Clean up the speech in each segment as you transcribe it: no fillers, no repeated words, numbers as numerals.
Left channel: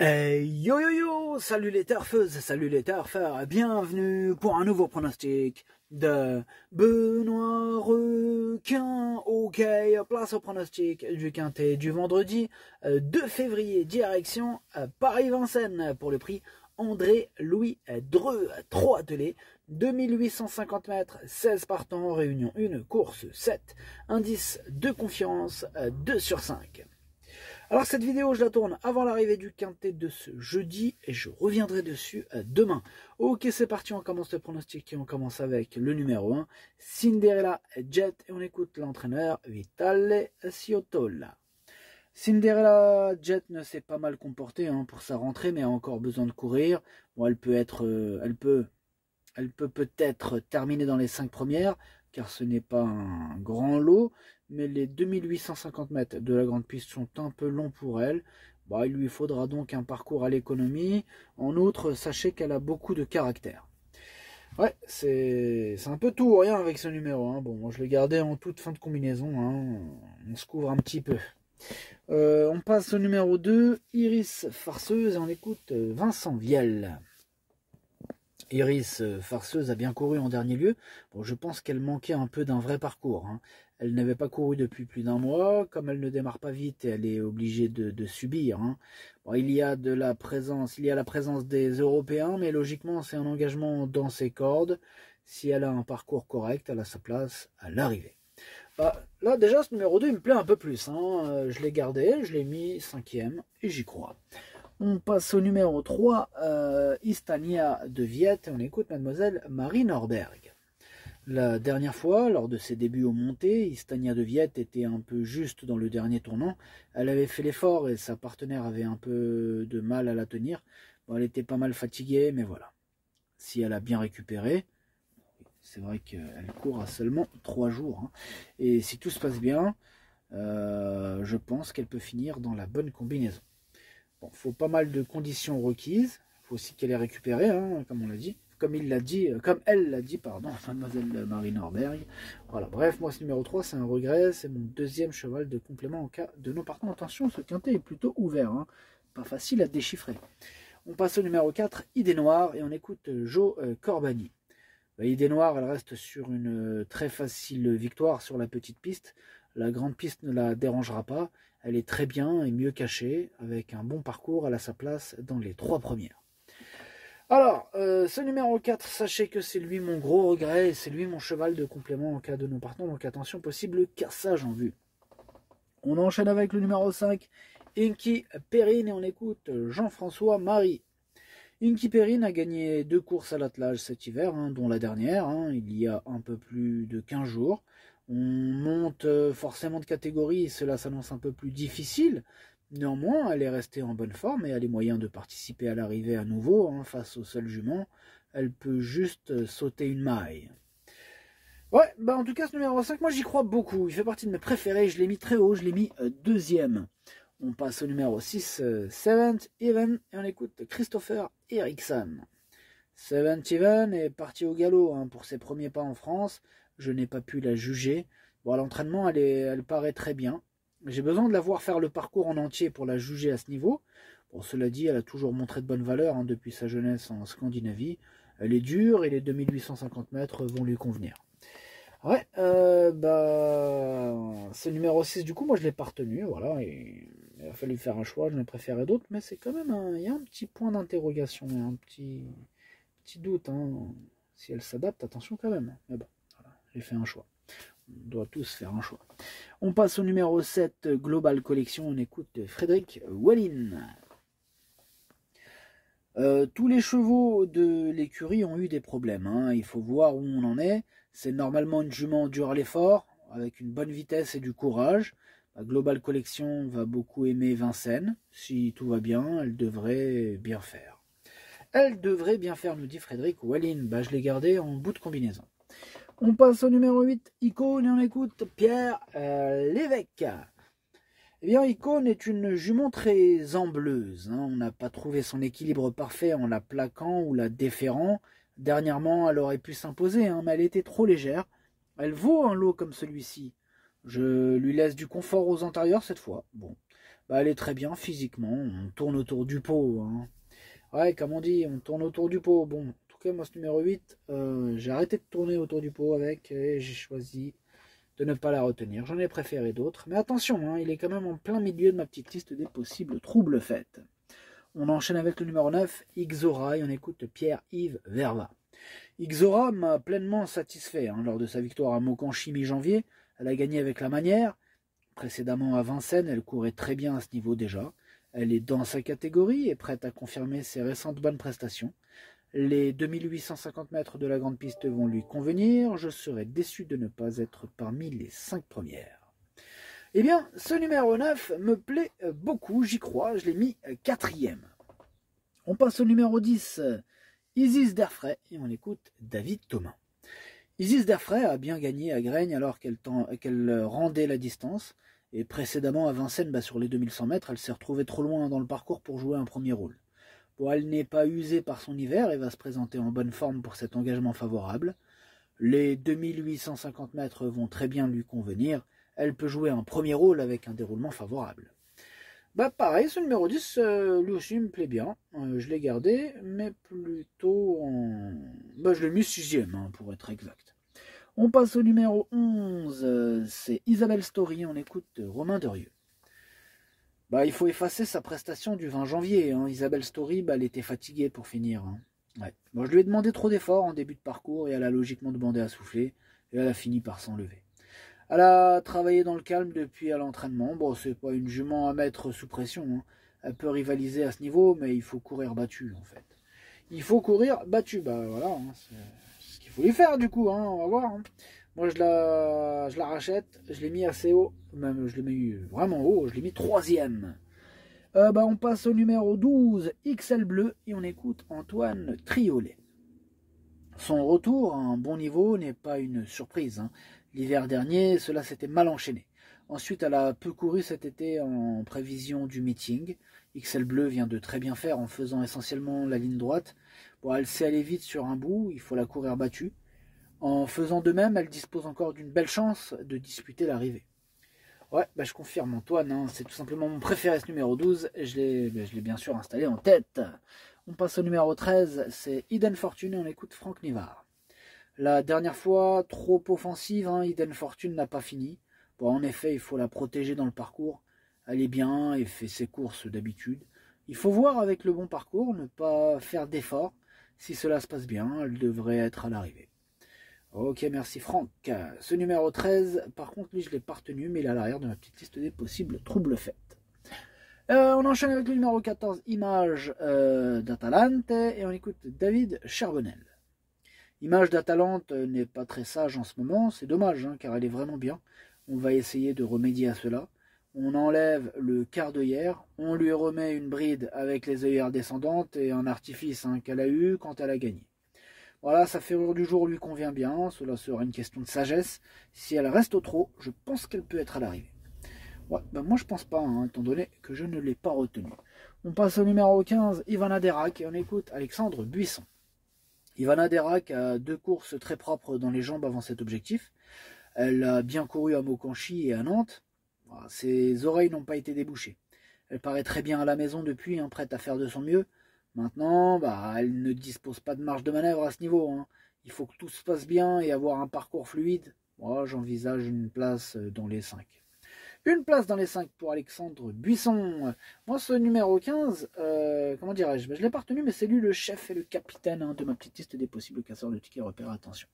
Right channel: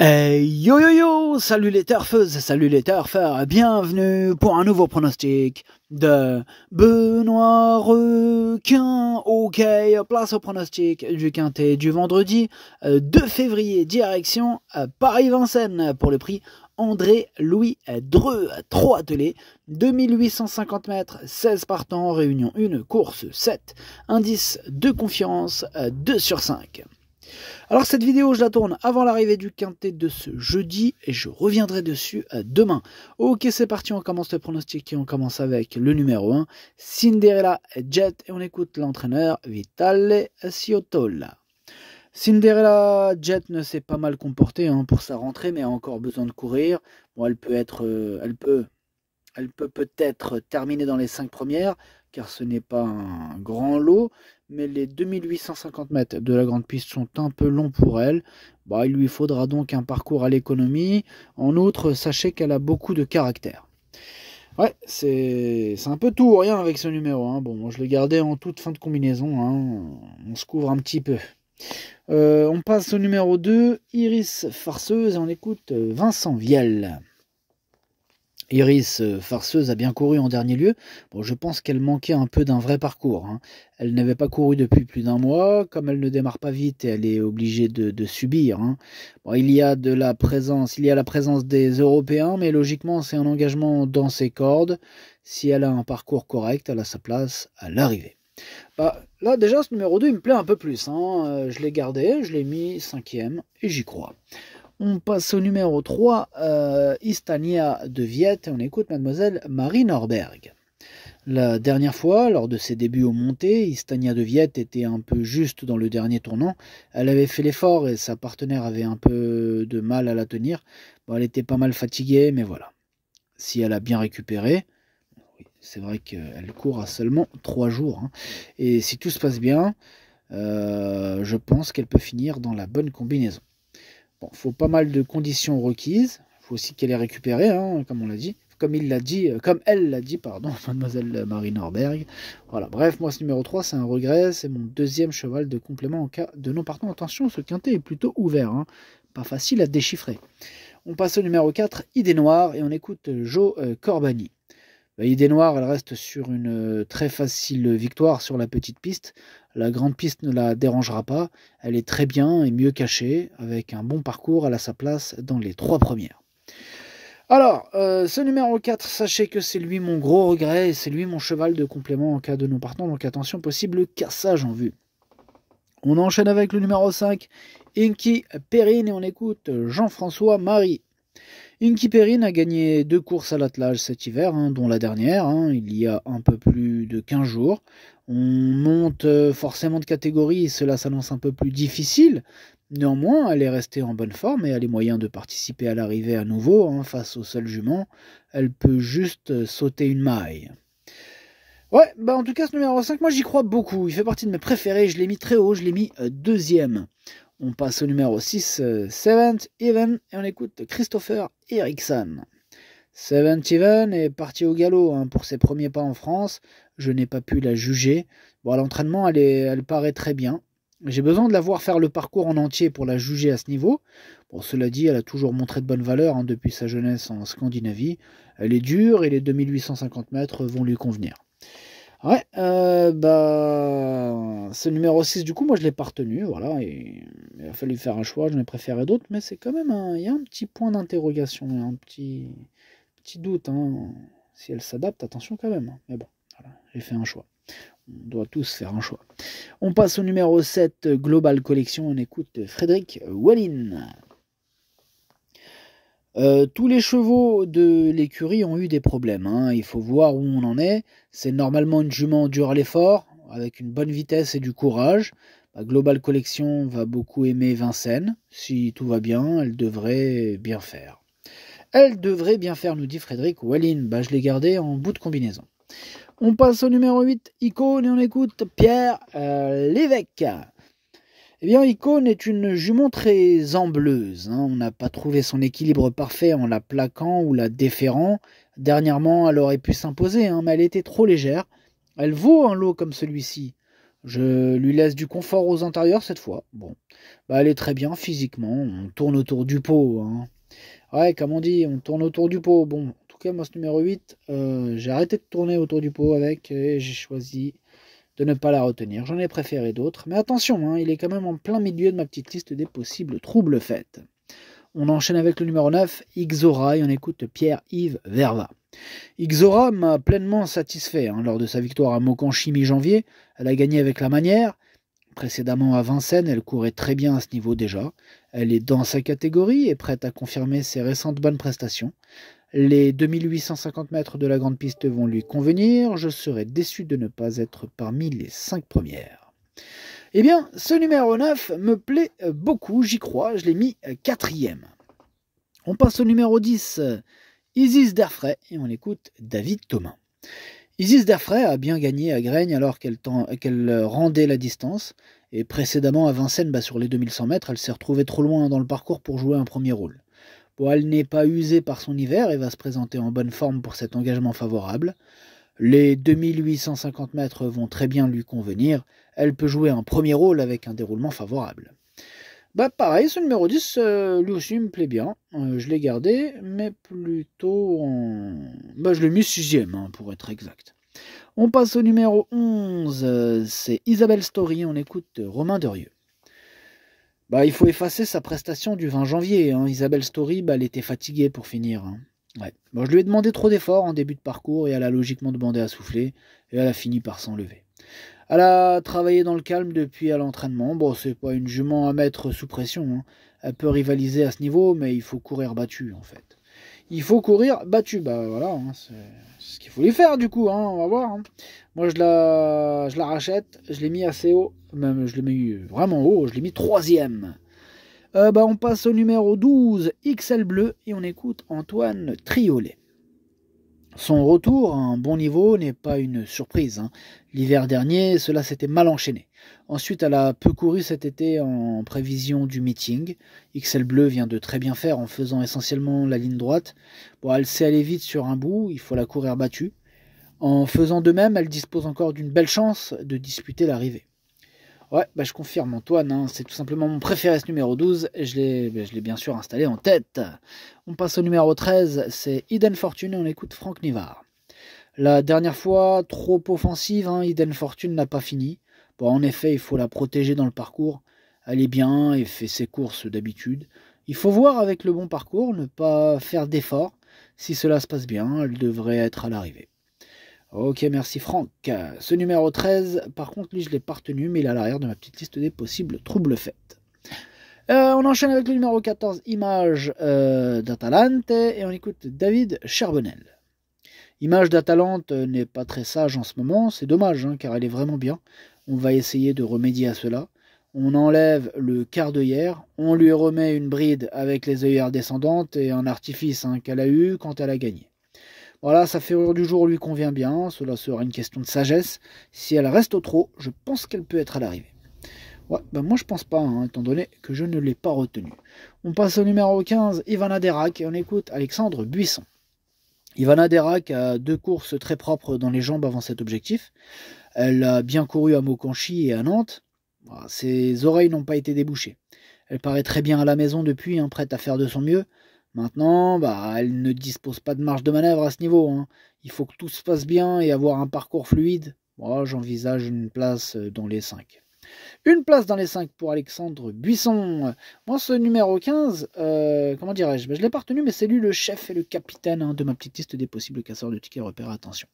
Hey yo yo yo, salut les turfeuses, salut les turfeurs, bienvenue pour un nouveau pronostic de Benoît Requin. Ok, place au pronostic du quintet du vendredi 2 février, direction Paris-Vincennes pour le prix André-Louis Dreux, 3 attelés, 2850 mètres, 16 partants, réunion 1, course 7, indice de confiance 2 sur 5. Alors cette vidéo, je la tourne avant l'arrivée du quintet de ce jeudi et je reviendrai dessus demain. Ok, c'est parti, on commence le pronostic et on commence avec le numéro 1, Cinderella Jet, et on écoute l'entraîneur Vitale Ciotola. Cinderella Jet ne s'est pas mal comportée pour sa rentrée, mais a encore besoin de courir. Bon, elle peut peut-être terminer dans les 5 premières, car ce n'est pas un grand lot, mais les 2850 mètres de la grande piste sont un peu longs pour elle. Il lui faudra donc un parcours à l'économie. En outre, sachez qu'elle a beaucoup de caractère. Ouais, c'est un peu tout ou rien avec ce numéro. Bon, moi je l'ai gardé en toute fin de combinaison. On se couvre un petit peu. On passe au numéro 2, Iris Farceuse, et on écoute Vincent Vielle. Iris Farceuse a bien couru en dernier lieu. Bon, je pense qu'elle manquait un peu d'un vrai parcours. Elle n'avait pas couru depuis plus d'un mois. Comme elle ne démarre pas vite, elle est obligée de subir. Bon, il y a la présence des Européens, mais logiquement, c'est un engagement dans ses cordes. Si elle a un parcours correct, elle a sa place à l'arrivée. Là, déjà, ce numéro 2, il me plaît un peu plus. Je l'ai gardé, je l'ai mis 5e et j'y crois. On passe au numéro 3, Istania de Viette, et on écoute mademoiselle Marie Norberg. La dernière fois, lors de ses débuts aux montées, Istania de Viette était un peu juste dans le dernier tournant. Elle avait fait l'effort et sa partenaire avait un peu de mal à la tenir. Elle était pas mal fatiguée, mais voilà. Si elle a bien récupéré, c'est vrai qu'elle court à seulement 3 jours. Et si tout se passe bien, je pense qu'elle peut finir dans la bonne combinaison. Bon, faut pas mal de conditions requises. Il faut aussi qu'elle ait récupéré, comme on l'a dit. Comme elle l'a dit, pardon, mademoiselle Marie Norberg. Voilà, bref, moi ce numéro 3, c'est un regret. C'est mon deuxième cheval de complément en cas de non partant. Attention, ce quintet est plutôt ouvert. Pas facile à déchiffrer. On passe au numéro 4, Idée Noire, et on écoute Jo Corbani. Idée Noire, elle reste sur une très facile victoire sur la petite piste. La grande piste ne la dérangera pas. Elle est très bien et mieux cachée. Avec un bon parcours, elle a sa place dans les 3 premières. Alors, ce numéro 4, sachez que c'est lui mon gros regret et c'est lui mon cheval de complément en cas de non partant. Donc attention, possible cassage en vue. On enchaîne avec le numéro 5, Inky Perrine, et on écoute Jean-François Marie. Inky Perrine a gagné 2 courses à l'attelage cet hiver, dont la dernière, il y a un peu plus de 15 jours. On monte forcément de catégorie et cela s'annonce un peu plus difficile. Néanmoins, elle est restée en bonne forme et a les moyens de participer à l'arrivée à nouveau face au seul jument. Elle peut juste sauter une maille. Ouais, en tout cas, ce numéro 5, moi j'y crois beaucoup. Il fait partie de mes préférés. Je l'ai mis très haut, je l'ai mis 2e. On passe au numéro 6, Seventh Even, et on écoute Christopher Eriksson. Seventh Even est parti au galop pour ses premiers pas en France. Je n'ai pas pu la juger. À l'entraînement, elle paraît très bien. J'ai besoin de la voir faire le parcours en entier pour la juger à ce niveau. Cela dit, elle a toujours montré de bonnes valeurs depuis sa jeunesse en Scandinavie. Elle est dure et les 2850 mètres vont lui convenir. Ouais, ce numéro 6, du coup, moi je l'ai pas retenu, voilà, et il a fallu faire un choix, j'en ai préféré d'autres, mais c'est quand même il y a un petit point d'interrogation, un petit doute, si elle s'adapte, attention quand même, mais bon, voilà, j'ai fait un choix, on doit tous faire un choix. On passe au numéro 7, Global Collection, on écoute Frédéric Wallin. Tous les chevaux de l'écurie ont eu des problèmes. Il faut voir où on en est. C'est normalement une jument dure à l'effort, avec une bonne vitesse et du courage. Global Collection va beaucoup aimer Vincennes. Si tout va bien, elle devrait bien faire. Elle devrait bien faire, nous dit Frédéric Wallin. Je l'ai gardé en bout de combinaison. On passe au numéro 8, Icône, et on écoute Pierre Lévesque. Eh bien, Icône est une jument très ambleuse. On n'a pas trouvé son équilibre parfait en la plaquant ou la déférant. Dernièrement, elle aurait pu s'imposer, mais elle était trop légère. Elle vaut un lot comme celui-ci. Je lui laisse du confort aux antérieurs cette fois. Bon, bah, elle est très bien physiquement. On tourne autour du pot. Hein. Ouais, comme on dit, on tourne autour du pot. Bon, en tout cas, moi, ce numéro 8, j'ai arrêté de tourner autour du pot avec et j'ai choisi de ne pas la retenir. J'en ai préféré d'autres. Mais attention, hein, il est quand même en plein milieu de ma petite liste des possibles troubles faits. On enchaîne avec le numéro 9, Ixora, et on écoute Pierre-Yves Verva. Ixora m'a pleinement satisfait hein, lors de sa victoire à Mokanchi mi-janvier. Elle a gagné avec la manière. Précédemment à Vincennes, elle courait très bien à ce niveau déjà. Elle est dans sa catégorie et prête à confirmer ses récentes bonnes prestations. Les 2850 mètres de la grande piste vont lui convenir. Je serais déçu de ne pas être parmi les 5 premières. Eh bien, ce numéro 9 me plaît beaucoup, j'y crois. Je l'ai mis 4e. On passe au numéro 10, Isis d'Airfray, et on écoute David Thomas. Isis d'Airfray a bien gagné à Graignes alors qu'elle rendait la distance. Et précédemment à Vincennes, sur les 2100 mètres, elle s'est retrouvée trop loin dans le parcours pour jouer un premier rôle. Bon, elle n'est pas usée par son hiver et va se présenter en bonne forme pour cet engagement favorable. Les 2850 mètres vont très bien lui convenir. Elle peut jouer un premier rôle avec un déroulement favorable. Bah pareil, ce numéro 10, lui aussi me plaît bien. Je l'ai gardé, mais plutôt en... Bah, je l'ai mis 6e, hein, pour être exact. On passe au numéro 11, c'est Isabelle Story, on écoute Romain Derieux. Bah, il faut effacer sa prestation du 20 janvier. Hein. Isabelle Story, elle était fatiguée pour finir. Hein. Ouais. Bon, je lui ai demandé trop d'efforts en début de parcours et elle a logiquement demandé à souffler et elle a fini par s'enlever. Elle a travaillé dans le calme depuis à l'entraînement. Bon, c'est pas une jument à mettre sous pression. Hein. Elle peut rivaliser à ce niveau, mais il faut courir battu en fait. Il faut courir battu. Bah voilà, hein, c'est ce qu'il faut lui faire du coup. Hein, on va voir. Hein. Moi, je la rachète. Je l'ai mis assez haut. Même, je l'ai mis vraiment haut. Je l'ai mis 3e. On passe au numéro 12, XL Bleu, et on écoute Antoine Triolet. Son retour à un bon niveau n'est pas une surprise. Hein. L'hiver dernier, cela s'était mal enchaîné. Ensuite, elle a peu couru cet été en prévision du meeting. XL Bleu vient de très bien faire en faisant essentiellement la ligne droite. Bon, elle sait aller vite sur un bout, il faut la courir battue. En faisant de même, elle dispose encore d'une belle chance de disputer l'arrivée. Ouais, je confirme Antoine, hein, c'est tout simplement mon préféré ce numéro 12, et je l'ai bien sûr installé en tête. On passe au numéro 13, c'est Eden Fortune et on écoute Franck Nivard. La dernière fois, trop offensive, hein, Eden Fortune n'a pas fini. Bon, en effet, il faut la protéger dans le parcours. Elle est bien et fait ses courses d'habitude. Il faut voir avec le bon parcours, ne pas faire d'efforts. Si cela se passe bien, elle devrait être à l'arrivée. Ok, merci Franck. Ce numéro 13, par contre, lui, je ne l'ai pas retenu, mais il est à l'arrière de ma petite liste des possibles troubles faits. On enchaîne avec le numéro 14, Image d'Atalante, et on écoute David Charbonnel. Image d'Atalante n'est pas très sage en ce moment, c'est dommage, hein, car elle est vraiment bien. On va essayer de remédier à cela. On enlève le quart d'œillère, on lui remet une bride avec les œillères descendantes et un artifice hein, qu'elle a eu quand elle a gagné. Voilà, sa ferrure du jour lui convient bien, cela sera une question de sagesse. Si elle reste au trot, je pense qu'elle peut être à l'arrivée. Ouais, moi je pense pas, hein, étant donné que je ne l'ai pas retenue. On passe au numéro 15, Ivana Derac, et on écoute Alexandre Buisson. Ivana Derac a 2 courses très propres dans les jambes avant cet objectif. Elle a bien couru à Mokanchi et à Nantes. Ses oreilles n'ont pas été débouchées. Elle paraît très bien à la maison depuis, hein, prête à faire de son mieux. Maintenant, elle ne dispose pas de marge de manœuvre à ce niveau. Hein. Il faut que tout se passe bien et avoir un parcours fluide. J'envisage une place dans les 5. Une place dans les 5 pour Alexandre Buisson. Moi, ce numéro 15, comment dirais-je, je ne l'ai pas retenu, mais c'est lui le chef et le capitaine hein, de ma petite liste des possibles casseurs de tickets repères. Attention.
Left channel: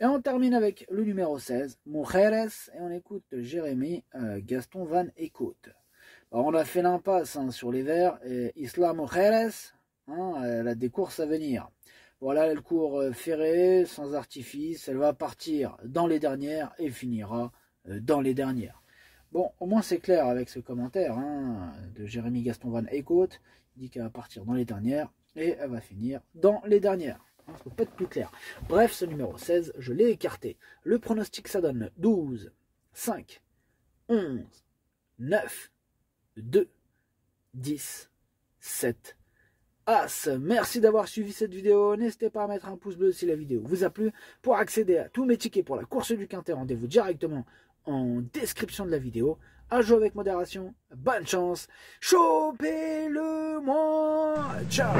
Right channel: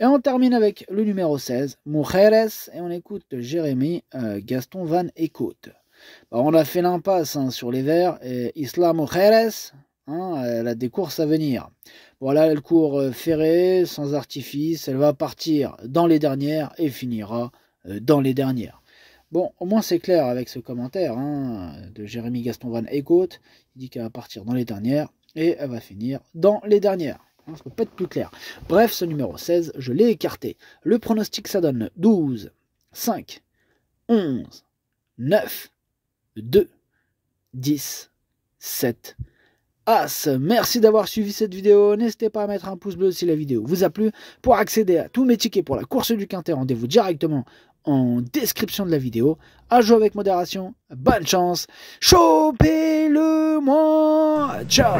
Et on termine avec le numéro 16, Mujeres, et on écoute Jérémy Gaston Van Eekhout. On a fait l'impasse hein, sur les verts, et Isla Mujeres, hein, elle a des courses à venir. Voilà, elle court ferrée, sans artifice, elle va partir dans les dernières et finira dans les dernières. Bon, au moins c'est clair avec ce commentaire hein, de Jérémy Gaston Van Eekhout. Il dit qu'elle va partir dans les dernières et elle va finir dans les dernières. Ça ne peut pas être plus clair. Bref, ce numéro 16, je l'ai écarté. Le pronostic, ça donne 12, 5, 11, 9, 2, 10, 7, As. Merci d'avoir suivi cette vidéo. N'hésitez pas à mettre un pouce bleu si la vidéo vous a plu. Pour accéder à tous mes tickets pour la course du Quintet, rendez-vous directement en description de la vidéo. À jouer avec modération, bonne chance, chopez-le moi, ciao.